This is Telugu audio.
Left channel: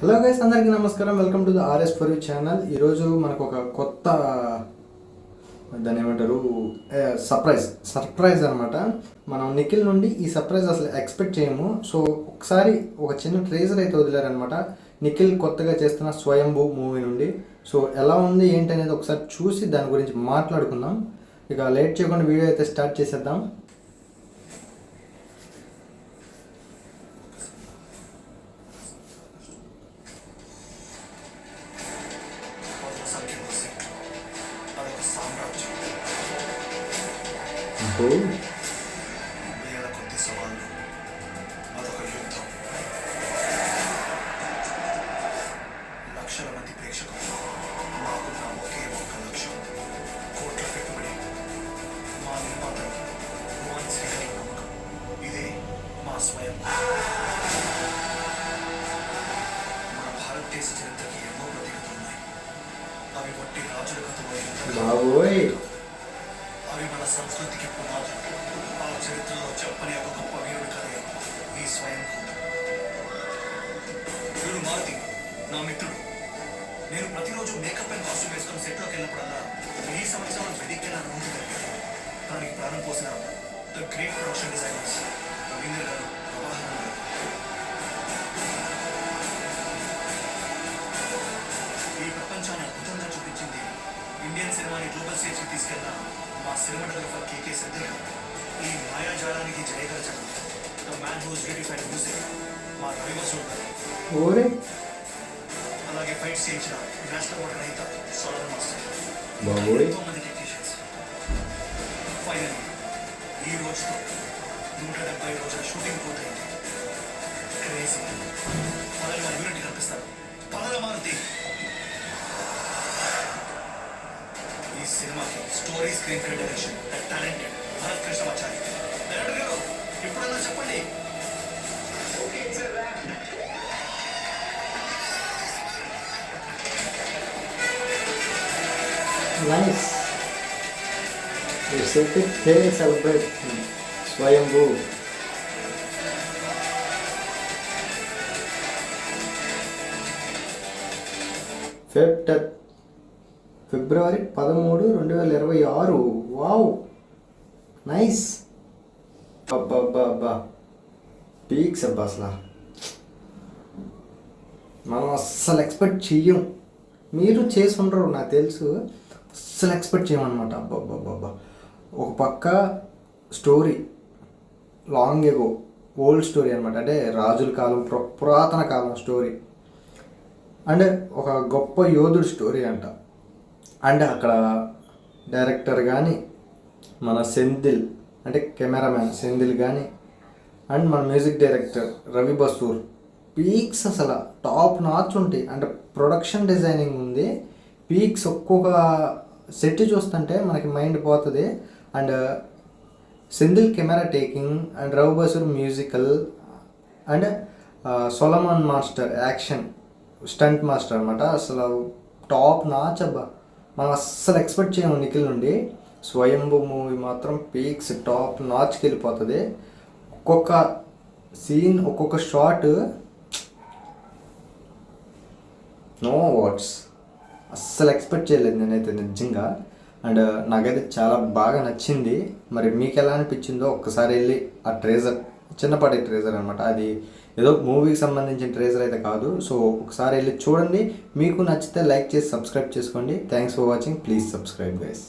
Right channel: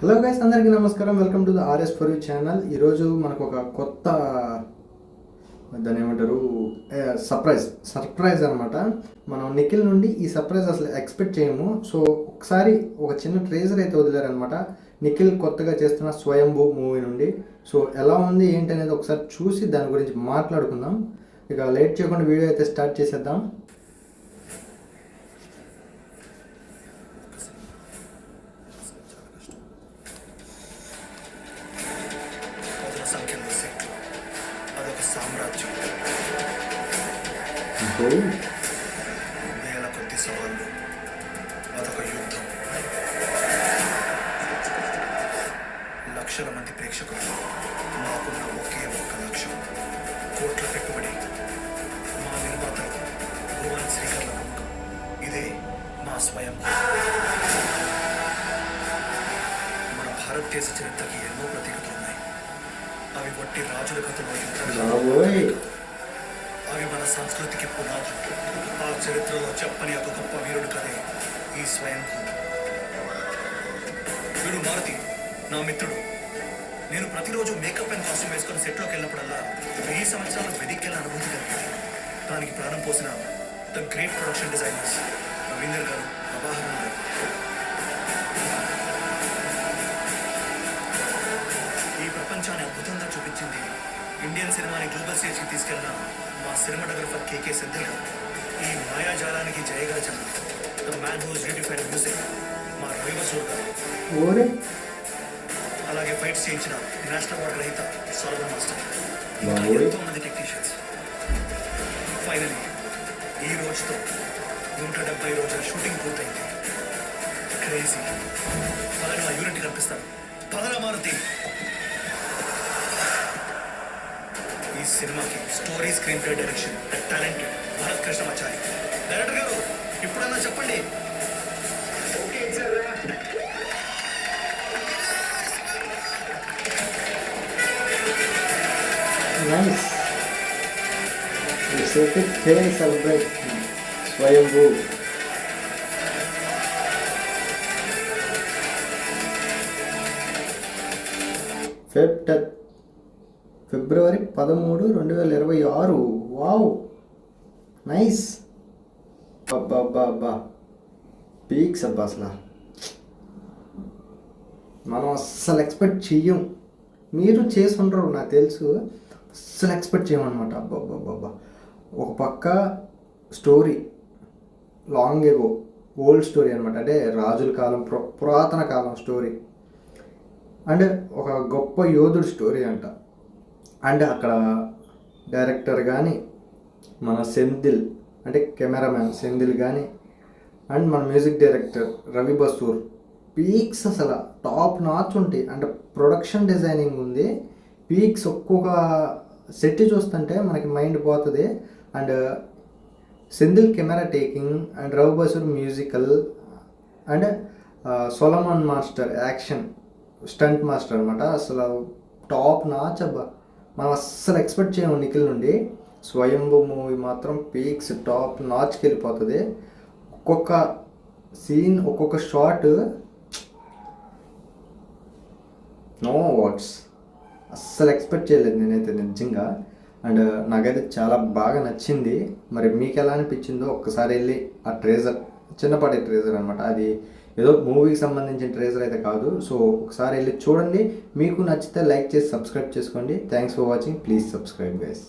హలో గైస్, అందరికీ నమస్కారం. Welcome to the RS for you channel. ఈరోజు మనకు ఒక కొత్త దాన్ని ఏమంటారు సర్ప్రైజ్ అనమాట. మనం నిఖిల్ నుండి ఈ సర్ప్రైజ్ అసలు ఎక్స్పెక్ట్ చేయము. సో ఒకసారి ఒక చిన్న ట్రేజర్ అయితే వదిలారనమాట నిఖిల్ కొత్తగా చేస్తున్న స్వయంభూ మూవీ నుండి. సో ఎలా ఉంది ఏంటి అనేది ఒకసారి చూసి దాని గురించి మాట్లాడుకుందాం. ఇక లేట్ చేయకుండా వీడియో అయితే స్టార్ట్ చేసేద్దాం. వేల కొద్ది సవాళ్ళు, అదొక యుద్ధం. లక్షల మంది ప్రేక్షకులు, మాకున్న ఒకే ఒక్క లక్ష్యం, కోట్ల పెట్టుబడి, మా నిర్మాతలు భువన్ శ్రీకర్ల నమ్మకం. ఇదే మా స్వయం. మన భారతదేశ చరిత్రకి ఎన్నో ప్రతీకలు ఉన్నాయి. అవి వట్టి రాజుల కథలో, అవి మన సంస్కృతికి పునాదులు. ఆ చరిత్రలో చెప్పని ఒక గొప్ప వీరుడు కథే ఈ స్వయం. వీడు మారుతి, నా మిత్రుడు. నేను ప్రతిరోజు మేకప్ అండ్ కాస్ట్యూమ్ వేసుకొని సెట్లోకి వెళ్ళినప్పుడల్లా ఈ సంవత్సరాలు వెదిక్కిన అనుభూతి కలిగింది. దానికి ప్రాణం పోసిన the great production designers Ravinder గారు, ప్రభాహరన్ గారు. ఈ ప్రపంచాన్ని అద్భుతంగా చూపించింది, ఇండియన్ సినిమాని గ్లోబల్ స్టేజ్కి తీసుకెళ్ళిన మా సినిమాటోగ్రఫర్ కేకే సిద్ధయ్య. ఈ మాయాజాలానికి జయగరచన the man who's beautified music మా రవి బసూర్ గారు. అలాగే ఫైట్స్ చేయించిన నేషనల్ అవార్డు రహిత సోలమన్ మాస్టర్. ఎంతో మంది టెక్నీషియన్స్. ఫైనలీ ఈ రోజుతో 170 రోజుల షూటింగ్ పూర్తయింది. క్రేజీ పదవి యూనిట్ కనిపిస్తారు. పదల మారుతి. ఈ సినిమాకి story, screenplay, direction talented Bharath Krishnamachari. Director గారు ఇప్పుడన్నా చెప్పండి. Nice. It's epic tale celebrate Swayambhu. February 13, 2026. Wow, nice. అబ్బా పీక్స్ అబ్బా. అసలు మనం అస్సలు ఎక్స్పెక్ట్ చెయ్యం. మీరు చేసి ఉండరు నాకు తెలుసు. అస్సలు ఎక్స్పెక్ట్ చేయమన్నమాట. అబ్బా ఒక పక్క story long ago old story అనమాట. అంటే రాజుల కాలం, పురాతన కాలం స్టోరీ. అండ్ ఒక గొప్ప యోధుడు స్టోరీ అంట. అండ్ అక్కడ డైరెక్టర్ కానీ, మన సెంధిల్ అంటే కెమెరామ్యాన్ సెంధిల్ కానీ, అండ్ మన music director Ravi Basrur. Peaks అసలు టాప్ నాచ్ ఉంటాయి. అండ్ ప్రొడక్షన్ డిజైనింగ్ ఉంది. పీక్స్ ఒక్కొక్క సెట్ చూస్తుంటే మనకి మైండ్ పోతుంది. And Senthil camera taking, and Ravi Basrur musical, and Solomon master action stunt master అనమాట. అసలు టాప్ నాచ్ అబ్బా. మనం అస్సలు ఎక్స్పెక్ట్ చేయము నిఖిల్ నుండి. స్వయంభూ మూవీ మాత్రం పీక్స్ టాప్ నాచ్కి వెళ్ళిపోతుంది. ఒక్కొక్క సీన్, ఒక్కొక్క షాట్, నో వర్డ్స్. అస్సలు ఎక్స్పెక్ట్ చేయలేదు నేనైతే నిజంగా. అండ్ నాకైతే చాలా బాగా నచ్చింది. మరి మీకు ఎలా అనిపించిందో ఒక్కసారి వెళ్ళి ఆ ట్రేజర్, చిన్నపాటి ట్రేజర్ అనమాట, అది ఏదో మూవీకి సంబంధించిన ట్రేజర్ అయితే కాదు. సో ఒకసారి వెళ్ళి చూడండి. మీకు నచ్చితే లైక్ చేసి సబ్స్క్రైబ్ చేసుకోండి. Thanks for watching. Please subscribe guys.